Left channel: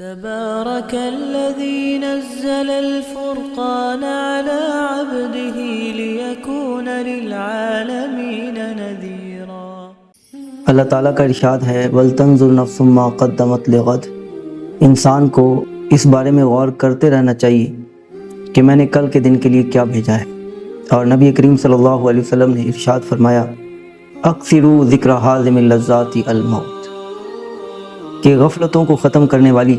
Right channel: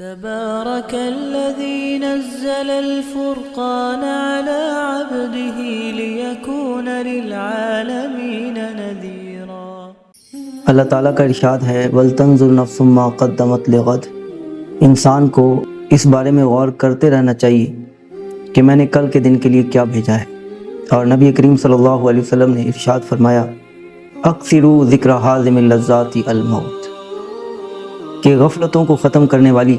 تبارك الذي نزل الفرقان على عبده ليكون للعالمين نذيرا۔ اللہ تعالیٰ کا ارشاد ہے وَلْتَنْظُرْ نَفْسٌ مَّا قَدَّمَتْ لِغَدٍ۔ انسان کو اس بارے میں غور کرتے رہنا چاہیے کہ میں نے کل کے دن کے لیے کیا بھیجا ہے۔ اور نبی کریم صلی اللہ علیہ وسلم نے ارشاد فرمایا اکثروا ذکر حازم اللذات الموت، کہ غفلتوں کو ختم کرنے والی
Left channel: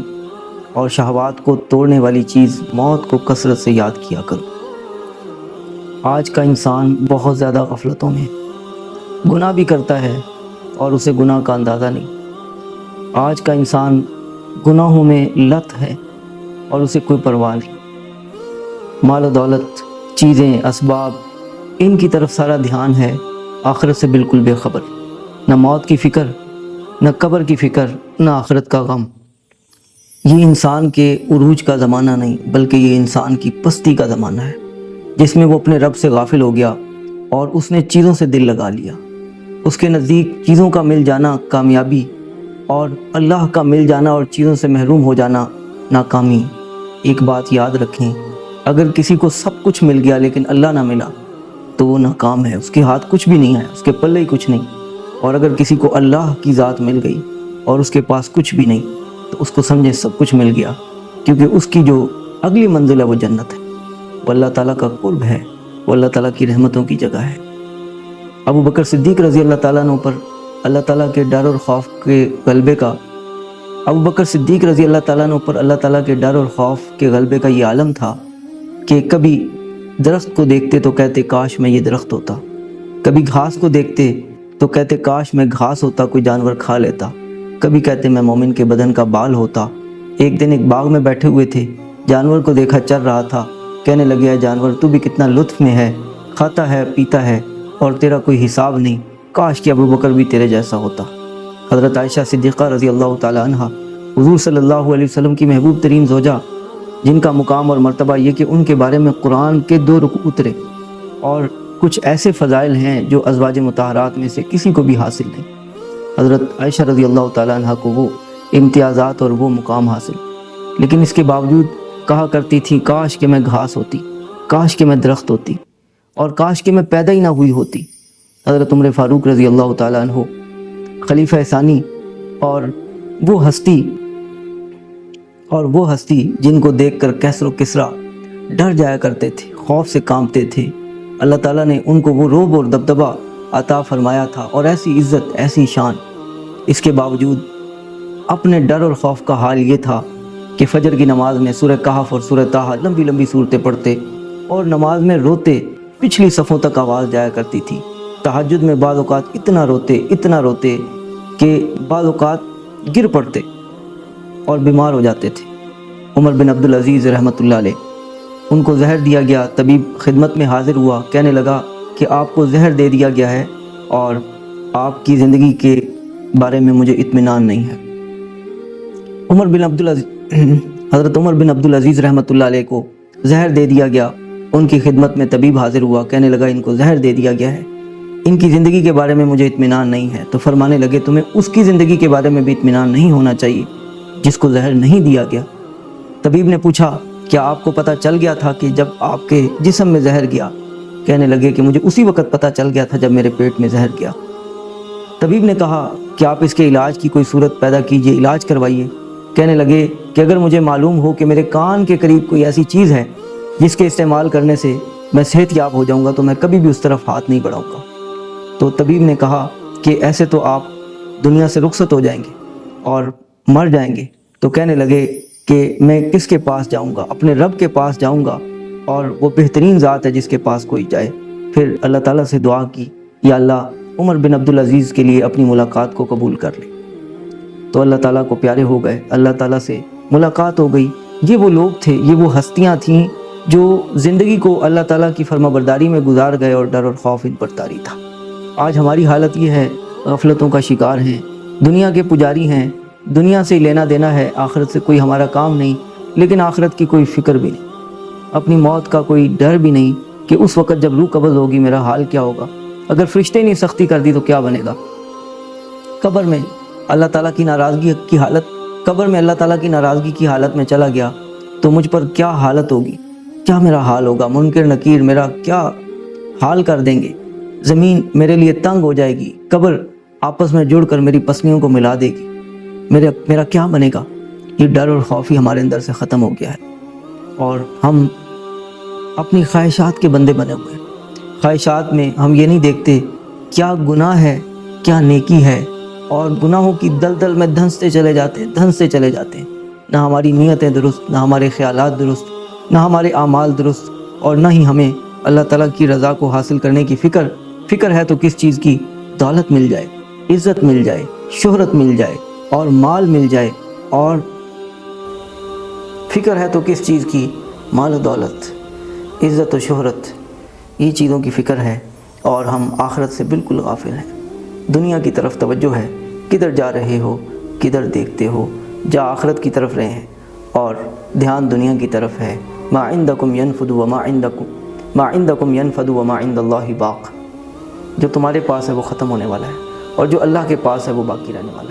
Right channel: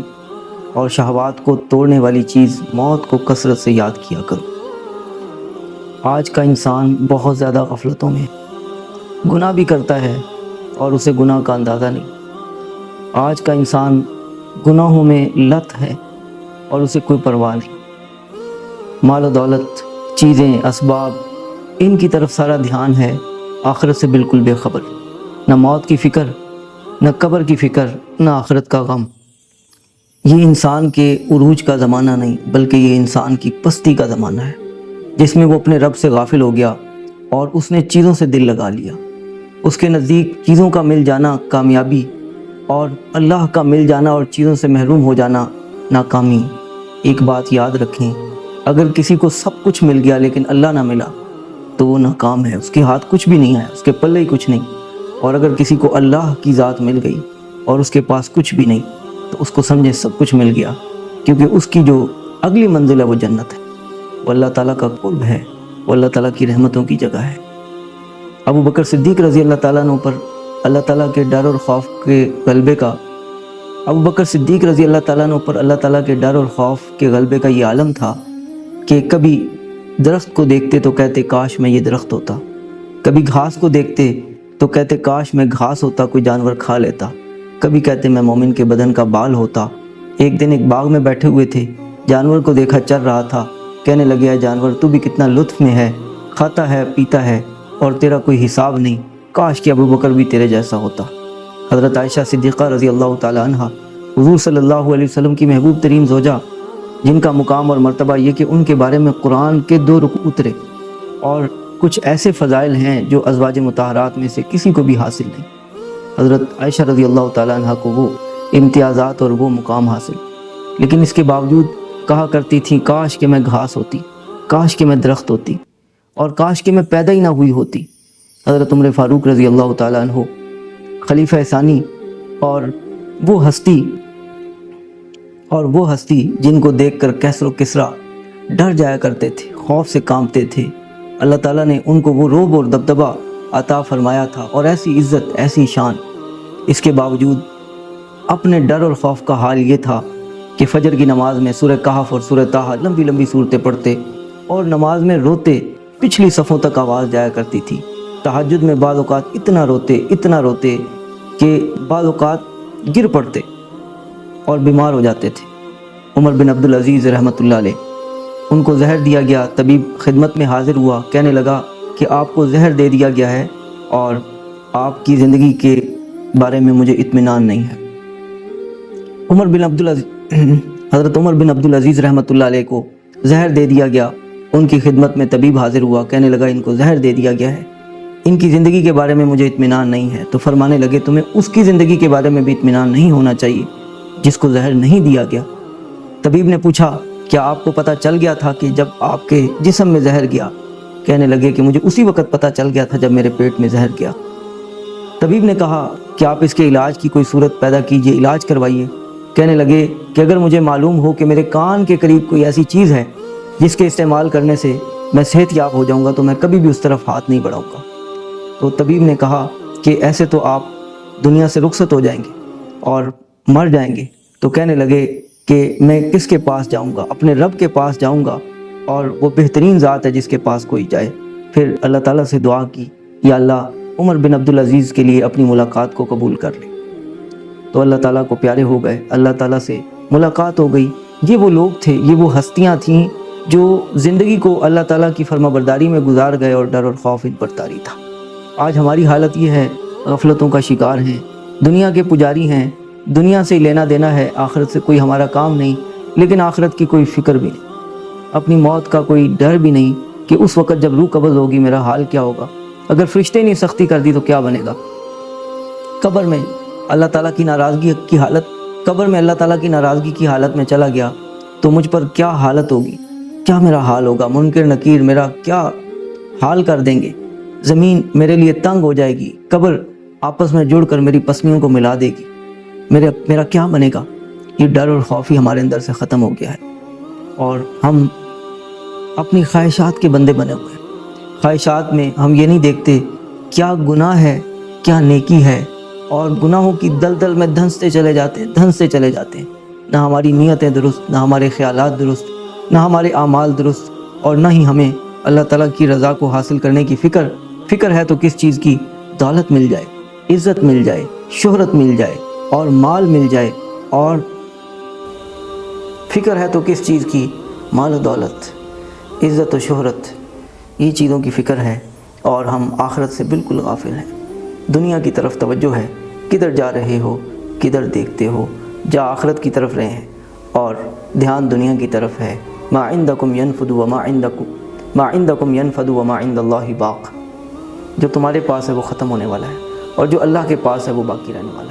اور شہوات کو توڑنے والی چیز موت کو کثرت سے یاد کیا کرو۔ آج کا انسان بہت زیادہ غفلتوں میں گناہ بھی کرتا ہے اور اسے گناہ کا اندازہ نہیں۔ آج کا انسان گناہوں میں لت ہے اور اسے کوئی پرواہ نہیں۔ مال و دولت، چیزیں، اسباب، ان کی طرف سارا دھیان ہے، آخرت سے بالکل بے خبر، نہ موت کی فکر، نہ قبر کی فکر، نہ آخرت کا غم۔ یہ انسان کے عروج کا زمانہ نہیں بلکہ یہ انسان کی پستی کا زمانہ ہے، جس میں وہ اپنے رب سے غافل ہو گیا اور اس نے چیزوں سے دل لگا لیا۔ اس کے نزدیک چیزوں کا مل جانا کامیابی اور اللہ کا مل جانا اور چیزوں سے محروم ہو جانا ناکامی۔ ایک بات یاد رکھیں، اگر کسی کو سب کچھ مل گیا لیکن اللہ نہ ملا تو وہ ناکام ہے، اس کے ہاتھ کچھ بھی نہیں ہے، اس کے پلے کچھ نہیں۔ اور اگر کسی کو اللہ کی ذات مل گئی اور اس کے پاس کچھ بھی نہیں تو اس کو سمجھے سب کچھ مل گیا، کیونکہ اس کی جو اگلی منزل ہے وہ جنت ہے، وہ اللہ تعالیٰ کا قرب ہے، وہ اللہ تعالیٰ کی رحمتوں کی جگہ ہے۔ ابو بکر صدیق رضی اللہ تعالیٰ عنہ پر اللہ تعالیٰ کے ڈر اور خوف کے غلبے کا یہ عالم تھا کہ کبھی درخت کو دیکھتے تو کہتے کاش میں یہ درخت ہوتا، کبھی گھاس کو دیکھتے تو کہتے کاش میں گھاس ہوتا، کوئی جانور کھا لیتا، کبھی کہتے میں مومن کے بدن کا بال ہوتا۔ ایک دن ایک باغ میں بیٹھے ہوئے تھے، جانور کو دیکھا چل رہا تھا، کہنے لگے جانور تو بھی کتنا لطف میں ہے، کھاتا ہے پیتا ہے اور تیرا کوئی حساب نہیں، کاش کہ ابو بکر بھی تیرے جیسا ہوتا۔ حضرت عائشہ صدیقہ رضی اللہ تعالی عنہ حضور صلی اللہ علیہ وسلم کی محبوب ترین زوجہ، جن کا مقام اور مرتبہ یہ کہ ان کے بارے میں قرآن کے 2 رکوع اترے، اور کچھ ایسے فضائل ہیں جو ازواج مطہرات میں سے کسی کو بھی حاصل نہیں۔ حضرت عائشہ رضی اللہ تعالی عنہ کو وہ امتیازات اور وہ مقام حاصل، لیکن اس کے باوجود کہا کرتی تھی کاش کہ میں گھاس ہوتی، کاش کہ میں درخت ہوتی، اور کاش کہ میں پیدا ہی نہ ہوئی ہوتی۔ حضرت عمر فاروق رضی اللہ تعالی عنہ خلیفہ ثانی اور وہ ہستی جن کو دیکھ کر کیسر و کسریٰ ڈر جایا کرتے تھے، خوف سے کانپتے تھے، اللہ تعالیٰ نے ان کو وہ رعب اور دبدبہ عطا فرمایا تھا اور ایسی عزت، ایسی شان۔ اس کے باوجود اپنے ڈر اور خوف کا حال یہ تھا کہ فجر کی نماز میں سورہ کہف اور سورہ طٰہٰ لمبی لمبی صورتیں پڑھتے اور نماز میں روتے، پچھلی صفوں تک آواز جایا کرتی تھی۔ تہجد میں بعض اوقات اتنا روتے کہ بعض اوقات گر پڑتے اور بیمار ہو جاتے تھے۔ عمر بن عبدالعزیز رحمۃ اللہ علیہ، ان کو زہر دیا گیا، طبیب خدمت میں حاضر ہوا، کہنے لگا کہ آپ کو زہر دے دیا گیا ہے اور آپ کی زندگی کے بارے میں مجھے اطمینان نہیں ہے۔ حضرت عمر بن عبدالعزیز رحمۃ اللہ علیہ کو زہر دے دیا گیا، ان کی خدمت میں طبیب حاضر ہوا، کہنے لگا ان کو زہر دے دیا گیا ہے، ان کی زندگی کے بارے میں مجھے اطمینان نہیں ہے۔ تو فرمانے لگے تمہیں اس کی زندگی کے بارے میں بھی اطمینان نہیں ہونا چاہیے جس کو زہر نہیں دیا گیا۔ طبیب نے پوچھا کیا آپ کو پتہ چل گیا تھا کہ جب آپ کے جسم میں زہر گیا؟ کہنے لگے کہ مجھے اسی وقت پتہ چل گیا تھا جب میرے پیٹ میں زہر گیا۔ طبیب نے کہا کہ آپ اس کے علاج کی کوئی صورت پیدا کیجیے، علاج کروائیے۔ کہنے لگے کہ اگر مجھے معلوم ہو کہ میرے کان کے قریب کوئی ایسی چیز ہے جس کے استعمال کرنے سے میں صحت یاب ہو جاؤں گا تو میں کبھی بھی اس طرف ہاتھ نہیں بڑھاؤں گا۔ تو طبیب نے کہا کہ ایسے تو آپ دنیا سے رخصت ہو جائیں گے اور مر جائیں گے۔ تو کہنے لگے کہ میں کس کے پاس جاؤں گا؟ اپنے رب کے پاس جاؤں گا، اور وہ بہترین ذات ہے جس کے پاس کوئی جائے۔ پھر اللہ تعالیٰ سے دعا کی یا اللہ عمر بن عبدالعزیز کے لیے اپنی ملاقات کو قبول کر لی۔ تو اللہ تعالیٰ کو پیارے ہو گئے، اللہ تعالیٰ سے ملاقات ہو گئی۔ یہ وہ لوگ تھے، یہ وہ ہستیاں تھیں جو زندگی کو اللہ تعالیٰ کی فرما برداری میں گزار گئے اور ڈر اور خوف ان پر طاری تھا۔ آج ہماری حالت یہ ہے، غفلتوں کا شکار ہیں، دنیا کے پجاری ہیں، دنیا سے لینا دینا ہے، آخرت سے کوئی ہمارا کام نہیں، لیکن آخرت کی کوئی فکر بھی نہیں، اپنی موت کا کوئی ڈر بھی نہیں کہ اس وقت جب روح قبض ہوگی میرا حال کیا ہوگا۔ اگر فرشتے نے سختی کر دی تو کیا بنے گا؟ قبر میں اللہ تعالیٰ کی ناراضگی کی حالت قبر میں اللہ تعالیٰ کی ناراضگی کی حالت میں چلا گیا تو مجھ پر کیا حالت ہوگی، کیا میرا حال ہوگا، منکر نکیر میرا کیا حال کر دیں گے، زمین میرے لیے تنگ ہو جائے گی، قبر آپس میں جڑ کر میری پسلیوں کو ملا دے گی، میرا کیا بنے گا۔ یہ ڈر اور خوف ہی ہمارے اندر سے ختم ہو گیا ہے اور ہم اپنی خواہشات کے بندے بنے ہوئے ہیں۔ خواہشات میں ہم یہ نہیں دیکھتے کیا گناہ ہے کیا نیکی ہے، اور گناہوں کی دلدل میں دھنستے چلے جاتے ہیں۔ نہ ہماری نیتیں درست، نہ ہمارے خیالات درست، نہ ہمارے اعمال درست، اور نہ ہی ہمیں اللہ تعالیٰ کی رضا کو حاصل کرنے کی فکر ہے تو کس چیز کی، دولت مل جائے، عزت مل جائے، شہرت مل جائے اور مال مل جائے، اور فکر ہے تو کس چیز کی، مال و دولت، عزت و شہرت، یہ چیزوں کی فکر ہے، اور ہم آخرت سے بالکل غافل ہیں۔ دنیا کی طرف توجہ ہے، کدھر جا رہے ہو، کدھر دیکھتے ہو، جا آخرت کی طرف رہے ہیں اور دھیان دنیا کی طرف ہے۔ ما عندکم ینفد وما عند اللہ باق، جو تمہارے پاس ہے وہ ختم ہونے والا ہے اور جو اللہ کے پاس ہے وہ باقی رہنے والا ہے۔